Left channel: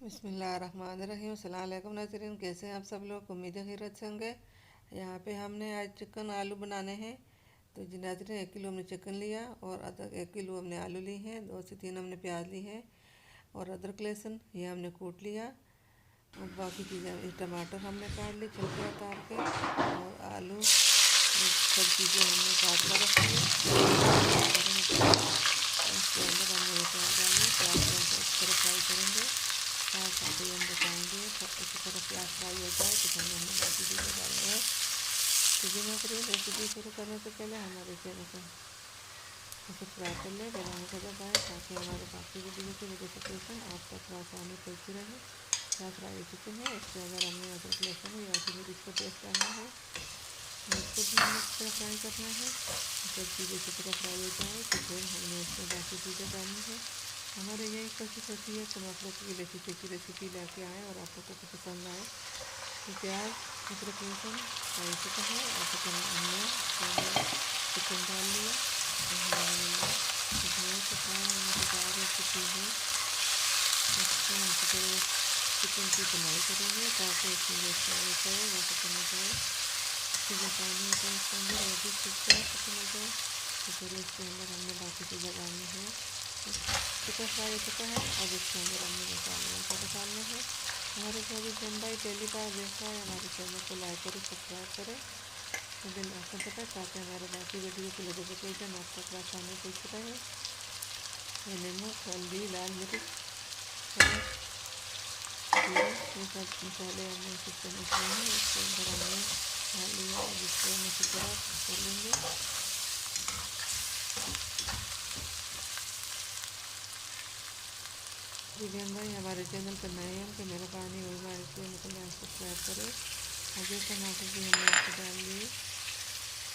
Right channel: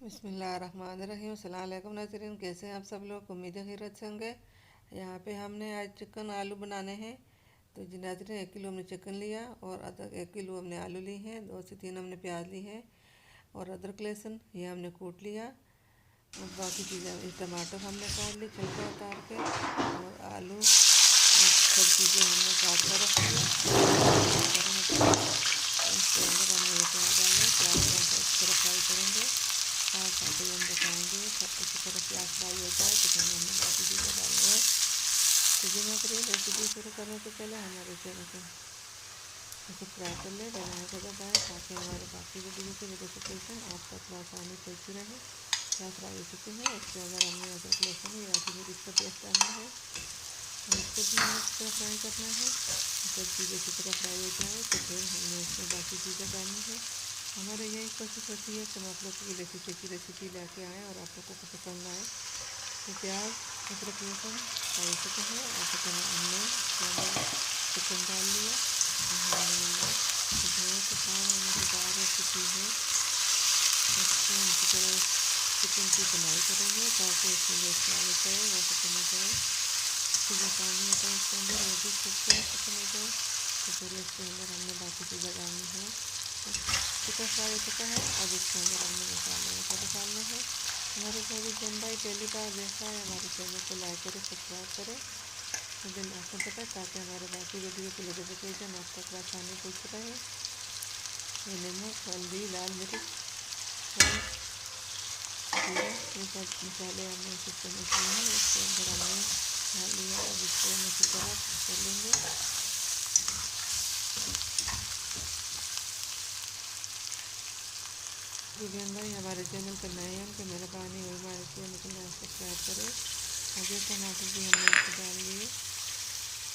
बिस्मिल्लाहिर्रहमानिर्रहीम। अस्सलाम वालेकुम नाज़रीन, कैसे हैं आप सब लोग। उम्मीद है खैरियत से होंगे। यहाँ पे हमने आज चिकन आलू बनाने हैं। तो जी नाज़रीन, 1 किलो हमने चिकन लिया और अदरक 1 किलो हमने आलू ली हैं, 2 से 3 हमने प्याज ली हैं और अदरक लहसुन ये हमने कूट लिया। और बाकी चीज़ें टमाटर हमने काट ली छिलका उतार के, और आलू और सब चीज़ें हमने काट कर रख लिया। इसके अंदर हमने ये प्याज डाले, प्याज को हम इस तरह फ्राई करेंगे। साथ साथ ही हम दिखाएँगे इसी तरह प्याज फ्राई हो जाए तो हमने बाकी चीज़ें डालनी है। तो जी मैं करिए रेसिपी शुरू करने से पहले हमारे चैनल को सब्सक्राइब कर ले, बेल आइकन को दबाएं ताकि हमारे बाकी वीडियो की नोटिफिकेशन आप तक आसानी पहुँचती रहे। प्याज फ्राई हो चुके हैं। इसके अंदर हमने अदरक लहसुन या फिर मिर्च का पेस्ट डालना है और इसको भी हमें इस तरह फ्राई करना है। सब चीज़ें इसी तरह फ्राई हो जाए तो फिर हमने इसमें बाकी चीज़ें डालनी है। हमारे यही कोशिश होती है कि हम आप लोगों के लिए अच्छी अच्छी रेसिपी लेके आएँ और आप लोगों को पसंद आए। तो प्याज अदरक लहसुन फ्राई चुका है और चिकन हमने चिकन डाल लिया। बहुत आसान और मज़ेदार रेसिपी है। इसको हम इसी तरह चिकन की बनाई करेंगे ताकि इसमें जो स्वाद होता है वो खत्म हो जाए। जो पानी होता है इसके अंदर वो भी खत्म हो जाए। तो फिर इसके अंदर हमने बाकी चीज़ें डालनी है। चिकन फ्राई हो चुका है। अब इसके अंदर हमने मसाले डालने हैं। हमारे जो भी जन भाई पहली बार देखा है हमारे चैनल को लाइक करें, सब्सक्राइब करें, तो बिल आइकन दबाएं ताकि हमारे बाकी वीडियो की नोटिफिकेशन आप तक आसानी पहुँच रहे। ये नमक, हल्दी, लाल मिर्च और जीरा, ये सब मसाले हमने सिस्टम में किए हैं। इसके अंदर हमने डाल लिया। अब इसको हम इसी तरह कर लेंगे। विवेन भाई हमारे चैनल पर नए हैं, उनकी मेहरबानी हुई हमारे चैनल को लाइक सब्सक्राइब करें। आगे टमाटर भी हमने इसको डाल लिए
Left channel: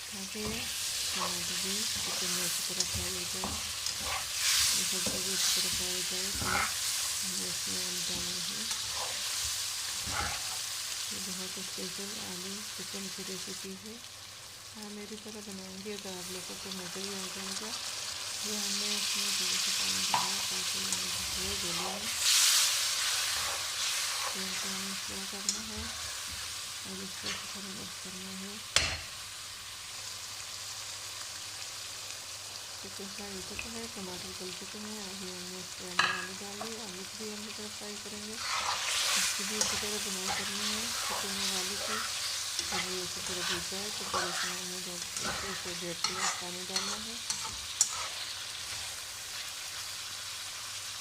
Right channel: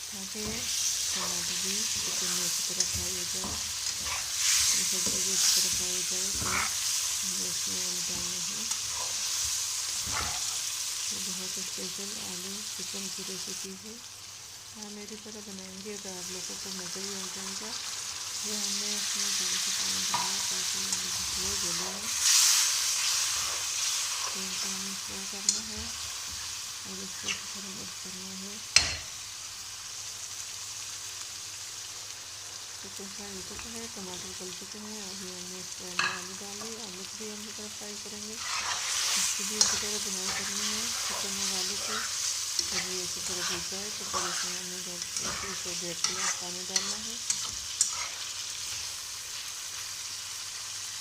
ताकि टमाटर भी चिकन में अच्छी तरह फ्राई हो जाए। ये सब चीज़ें अच्छी तरह फ्राई हो जाए तो हमें इसमें आलू डालने हैं। ये बहुत स्पेशल आलू चिकन की रेसिपी है। हाँ, मेरी तरह बनाएंगे तो आप लोगों को मज़ा ही आ जाएगा। ये हमने इसमें थोड़ा सा पानी डाला ताकि ये गले में। तेल को हमें स्लो करना है और इसको अच्छी तरह मिक्स करना है। चिकन फ्राई हो चुका है, टमाटर गल चुके हैं। अभी हमने इसके अंदर आलू डाल दी। आलू को भी हम इसी तरह फ्राई करेंगे। इसकी भी इसी तरह बुनाई करनी है चिकन और आलू की। जब ये इसी तरह भून जाए तो फिर इसमें हमें 1 से 1.5 गिलास पानी डालना है।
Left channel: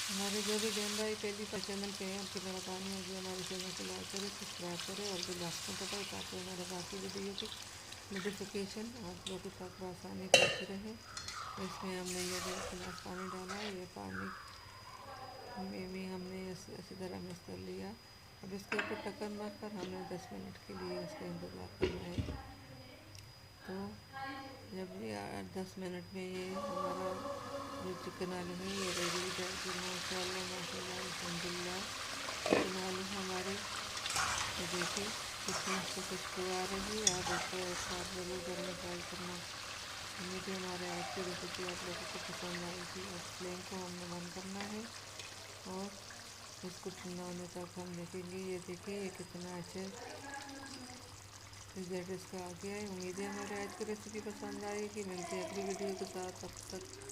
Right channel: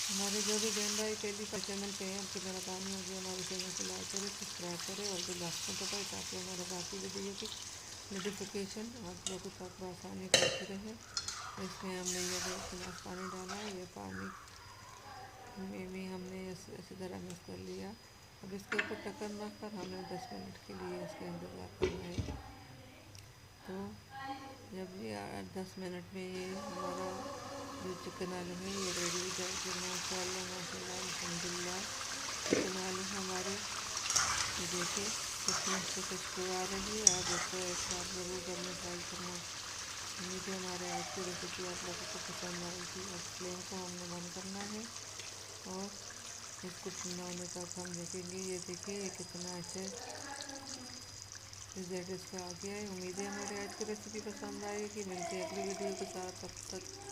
हमारे जो भी बहन भाई पहली बार चैनल पे हैं उनकी मेहरबानी होगी हमारे चैनल को लाइक करें, सब्सक्राइब करें और बेल आइकन दबाएं ताकि हमारे बाकी वीडियो की नोटिफिकेशन आप लोगों तक आसानी पहुँचती रहे। इसमें हमने ये 1.5 गिलास पानी डाला। ये पानी में भी हमने इसी तरह मिक्स कर लिया। अब इसके ऊपर ढक्कन रख कर हमने 10 मिनट के लिए इसका इंतज़ार करना है। तो जब ये 10 मिनट में ये हमारा जो चिकन आलू है ये रेडी हो जाएगी। माशाल्लाह माशाल्लाह अल्हम्दुलिल्लाह चिकन आलू हमारे ये देखिए कितनी अच्छी खुशबू आ रही है। आप इसको एक बार ज़रूर घर में ट्राई करना। उम्मीद है हमारे आज की रेसिपी आप लोगों को पसंद आएगी। अब फ्लेम को हमने बंद करना है और इसको ठंडा होने तक हम देखेंगे। ये देखिए ये कितना अच्छा रिजल्ट इसका आ गया है। उम्मीद है हमारे आज की रेसिपी पसंद आएगी। मिलते हैं अगली वीडियो के साथ। तब तक